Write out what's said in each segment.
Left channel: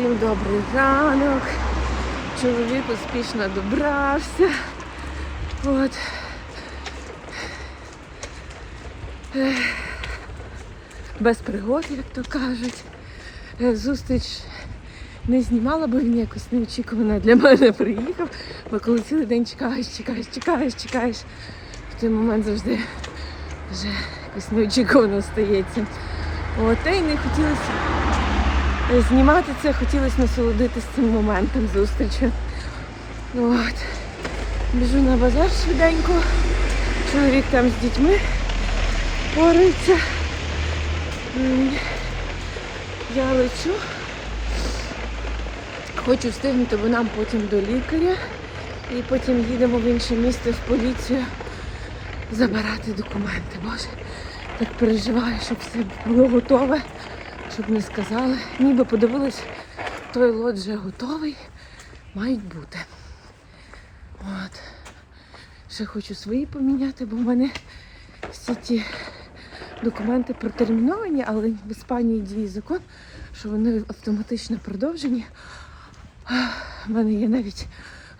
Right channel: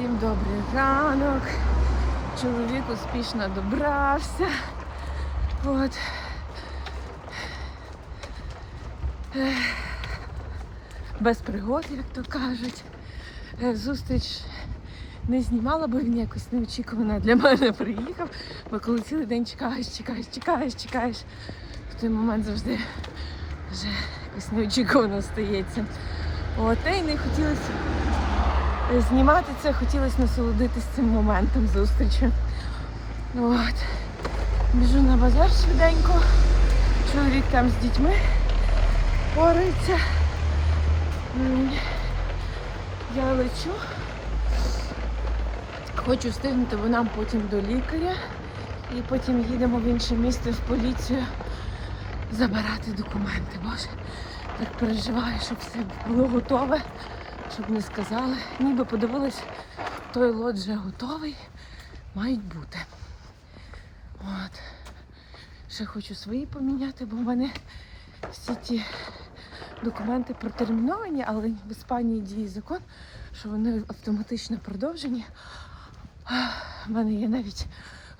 Всім добрий ранок. Чоловік успішно добрався. От. Без пригод, як то кажуть. Е, Зустріч не знімала, бо він якось неочікувано для мене приїхав. Бо коли цілий день чекаєш, чекаєш, чекаєш, чекаєш, в той момент завжди вже якось неочікувано стається. От, та й не хотілося знімати це, хотілося насолодитися цим моментом зустрічі. От. Біжу на базар швиденько. Чоловік там з дітьми порається. Я лечу. Хочу встигнути, бо нам потім до лікаря. І потім їдемо в інше місце в поліцію забирати документи. Боже, так переживаю, щоб все було готове, щоб не сказали. Ніби подивились, той лот вже готовий, мають бути. От. Ще хочу свої поміняти, бо в мене всі ті документи протерміновані, але в Іспанії діє закон, що вони автоматично продовжені. У мене є навіть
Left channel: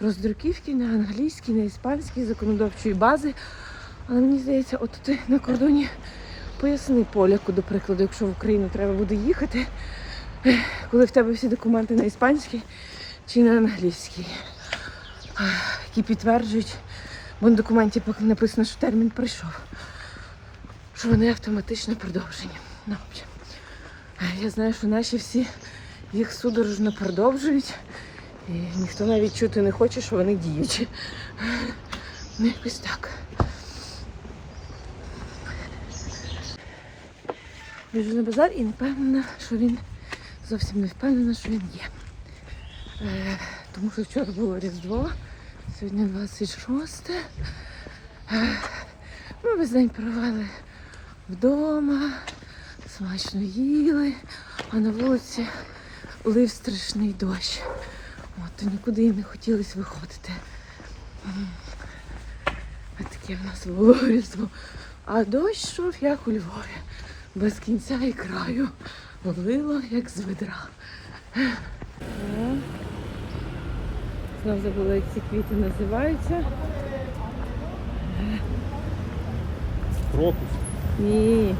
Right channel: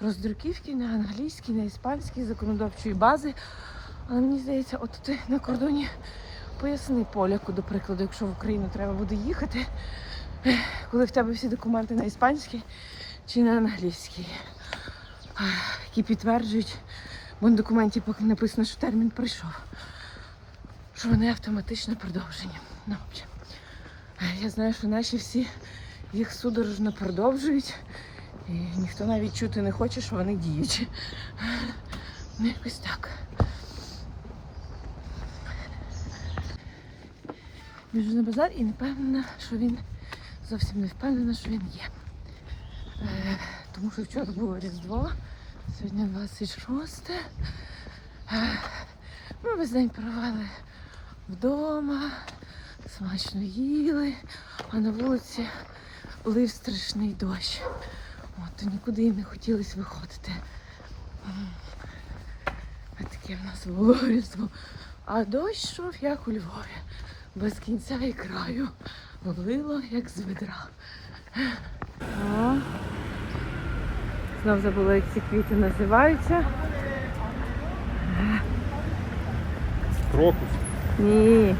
роздруківки на англійській, на іспанській законодавчої бази. Але мені здається, от на кордоні поясни поляку, до прикладу, якщо в Україну треба буде їхати, коли в тебе всі документи на іспанській чи на англійській, які підтверджують, бо на документі поки написано, що термін прийшов, що вони автоматично продовжені. Ну, я знаю, що наші всі їх судорожно продовжують, і ніхто навіть чути не хоче, що вони діючі. Ну, якось так. Біжу на базар і не впевнена, що він зовсім не впевнена, що він є. Е, тому що вчора було Різдво, сьогодні 26. Е, ми весь день провели вдома, смачно їли, а на вулиці лив страшний дощ. От, то нікуди їм не хотілося виходити. А таке в нас було Різдво. А дощ йшов, як у Львові без кінця і краю. Лило, як з ведра. Знов забула, як ці квіти називаються. Крокус. Ні.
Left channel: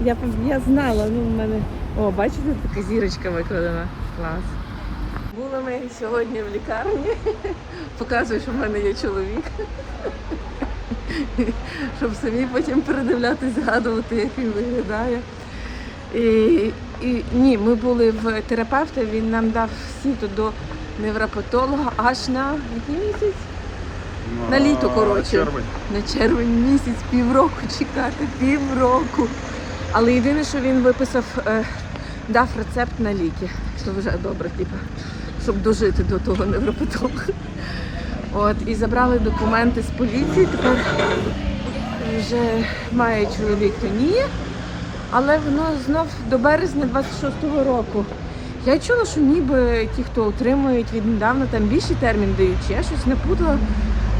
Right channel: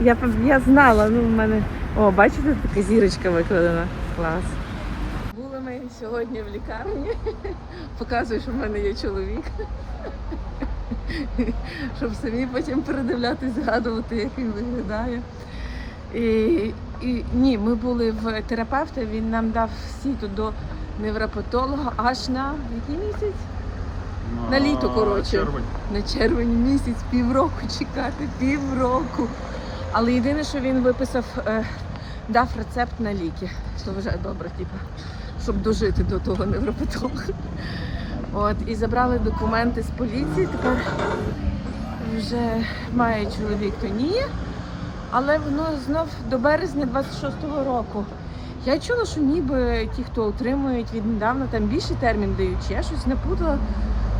Я, я знала, ну в мене. О, бачите, така зірочка викладена. Клас. Були ми сьогодні в лікарні. Показую, що в мене є чоловік. Щоб самі потім передивлятись, згадувати, як він виглядає. І, і ні, ми були в терапевта, він нам дав сіту до невропатолога аж на який місяць? На літо, коротше. Червень. На червень місяць півроку чекати, півроку. Але єдине, що він виписав, е, дав рецепт на ліки. Що вже добре, типу, щоб дожити до того невропатолога. От, і забрали документи з поліції. Тепер вже має чоловік, то ні. Але воно знов до березня 26-го року. Я чула, що ніби ті, хто отримують віднедавна, там більший термін дають. Я щось не путала.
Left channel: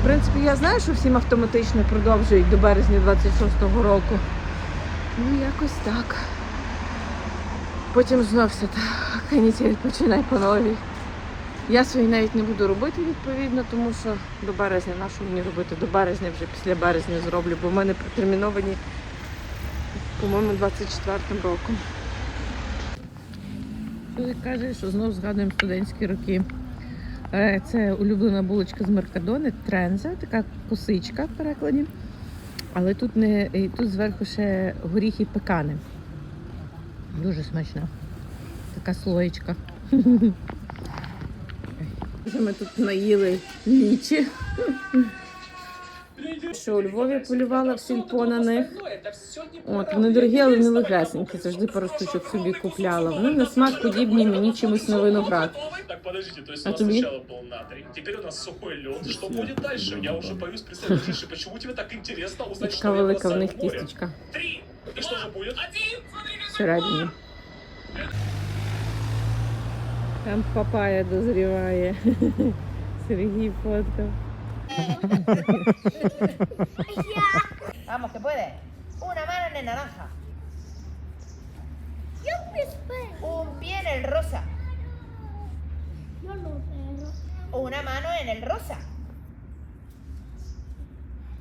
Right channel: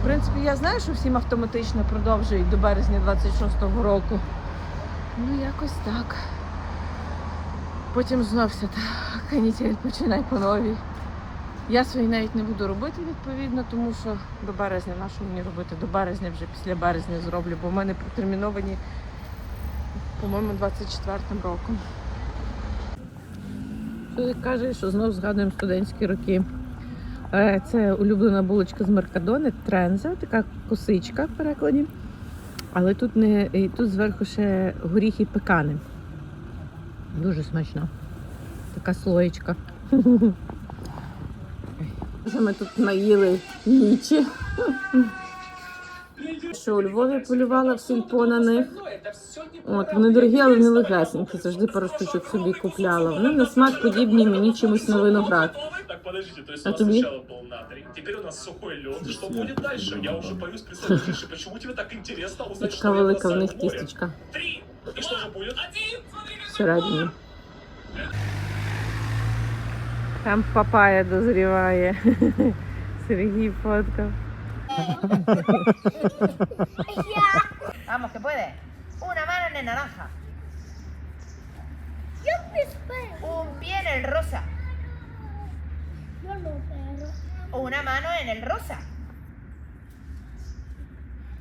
В принципі, я знаю, що всім автоматично продовжують до березня 26-го року. Ну, якось так. Потім знов все так, канітель починай по новій. Я свої навіть не буду робити відповідно, тому що до березня, на що мені робити? До березня вже після березня зроблю, бо в мене протерміновані, по-моєму, 24 роком. Чоловік каже, що знову згадуємо студентські роки. Е, Це улюблена булочка з Меркадони, тренза, така косичка в перекладі. Але тут не тут зверху ще горіхи пекани. Дуже смачно. Така слоєчка. Вже Ми тут наїли нічі. Що у Львові полювала в сільпо на них. От, вони дорогі, але не легесенькі. Завжди пару штучок собі купляла. Вони на смак подібні мені чимось на виноград. Так, подождите, то есть А у нас сначала был натрий, теперь у нас сухой лед. Что будет дальше? Я уже боюсь представить. Почему тебе так интересно узнать, така что я велика в них тістечка Три! И что же будет? Один! всередині. Там папая дозріває. Сергій фоткав. Vamos, que puede. Una mano en el naranja. Un pie en el rosa. Yo lo veo. Una mano en el rosa.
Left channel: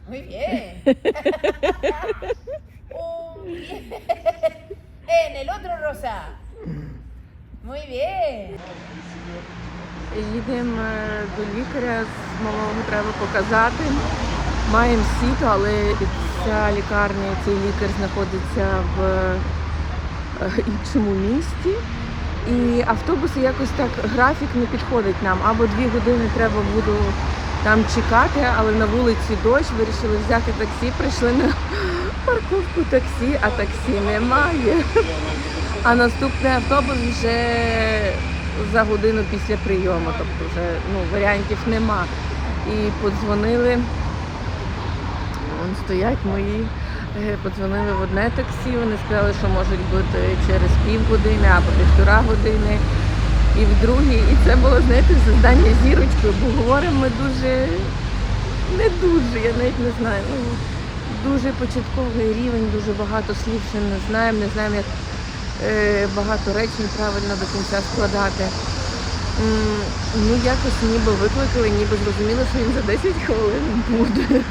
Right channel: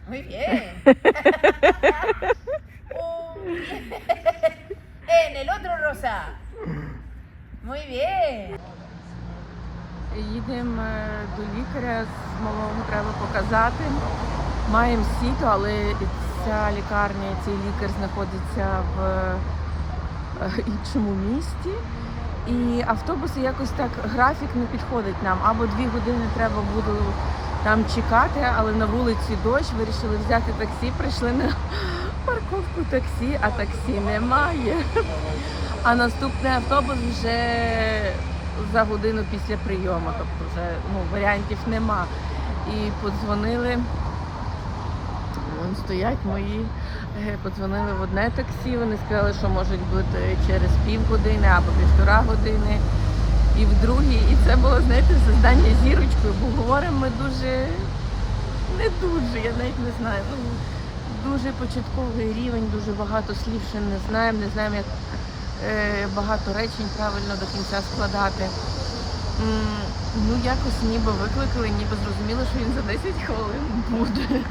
Muy bien. Un pie en el otro rosa. Muy bien. Їдемо е, до лікаря, з малого треба показати. Маємо сіто, але ця лікарня, цей лікар знаходиться в е, іншому місті. І автобуси якось так графік не підходить нам. Або дві години треба буде там чекати, але на вулиці дощ, вирішили взяти таксі, прийшли на парковку таксі, а таксі немає. А наступний автобус вже за годину після прийому, тобто вже ну, варіантів нема. І подзвонили, вон стоять мої, е, подзвонили в одне таксі, вони сказали, що можуть бути через півгодини або півтора години. І в другі, і це було, знаєте, завдання зірочкою, бо говоримо ми дуже не дуже, я навіть не знаю. Ну, дуже початковий рівень, дуже багато слів ще не знаємо, не знаємо, як е, багато речень правильно до кінця складати. М, Ну, якось ніби викликали, ніби зрозуміло, що він за 10 хвилин буде.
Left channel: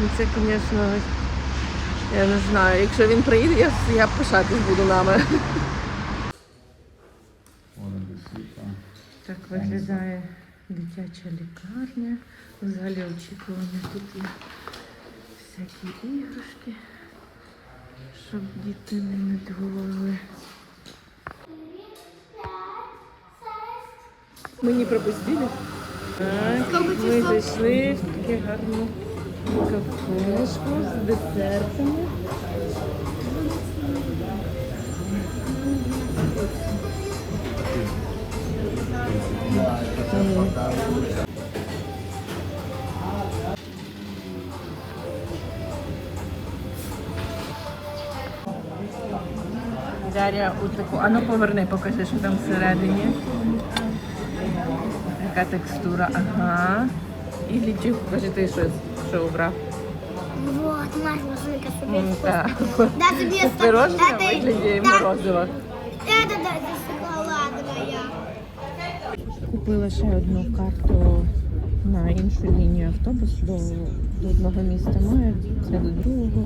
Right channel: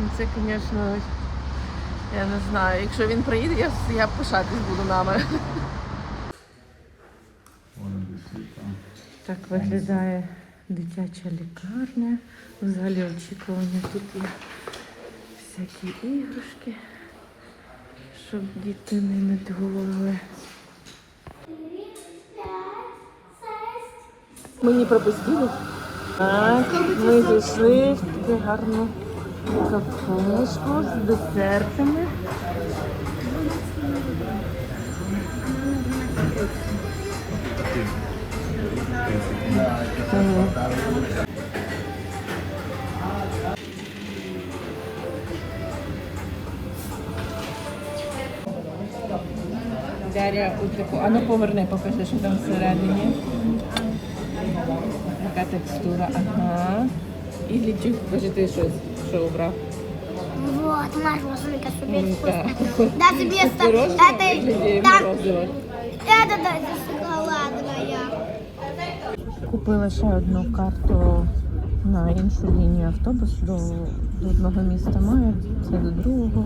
Ну, Це, звісно, я не знаю. Якщо він приїде, я, я пишатись буду нами. Так виглядає дитяча лікарня. Взагалі очікування тут є всякі іграшки, щоб діти не надгулили. Мені пропустили. Так, ми зайшли в таку гарну кафешку з десертами. Дар'я у таку. А ну поверни, покажи, що там всередині. Така текстура, ага. І лічик, покажи ти що, що обрав. Вот, наша машинка так. Да, тебе Це пирожне в это- вигляді да. Да, да. Купила ще одну карту на іншу лінію автобусу до, до одного міста має, це до другого.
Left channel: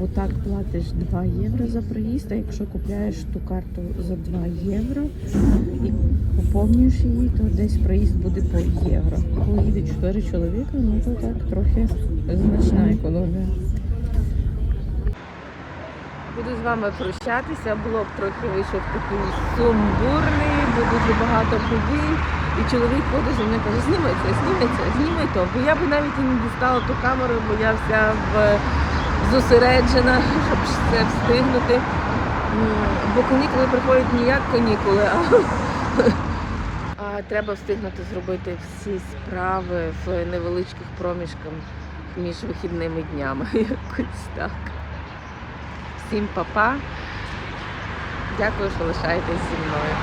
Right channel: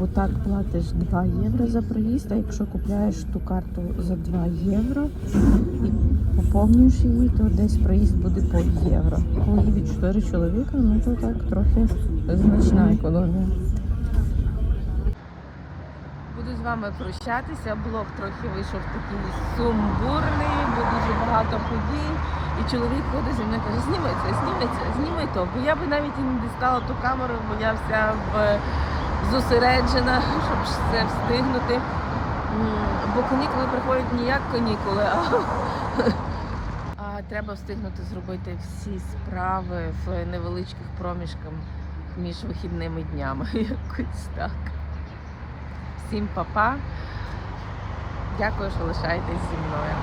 Бо так платиш 2 євро за проїзд, а якщо купляєш ту карту за 2 євро і поповнюєш її, то десь проїзд буде по євро. Коли їде 4 чоловіка, ну то так трохи значна економія. Буду з вами прощатися. Блог трохи вийшов такий сумбурний, бо дуже багато подій. І чоловік ходить і мене каже, знімай це, знімай це, знімай то. Бо я би навіть і не дістала ту камеру, бо я вся в зосереджена, щоб все встигнути. Бо канікули приходять не як канікули, а, а треба встигнути зробити всі справи в невеличких проміжках між вихідними днями. Якось так. Всім па-па. Дякую, що лишаєтесь зі мною.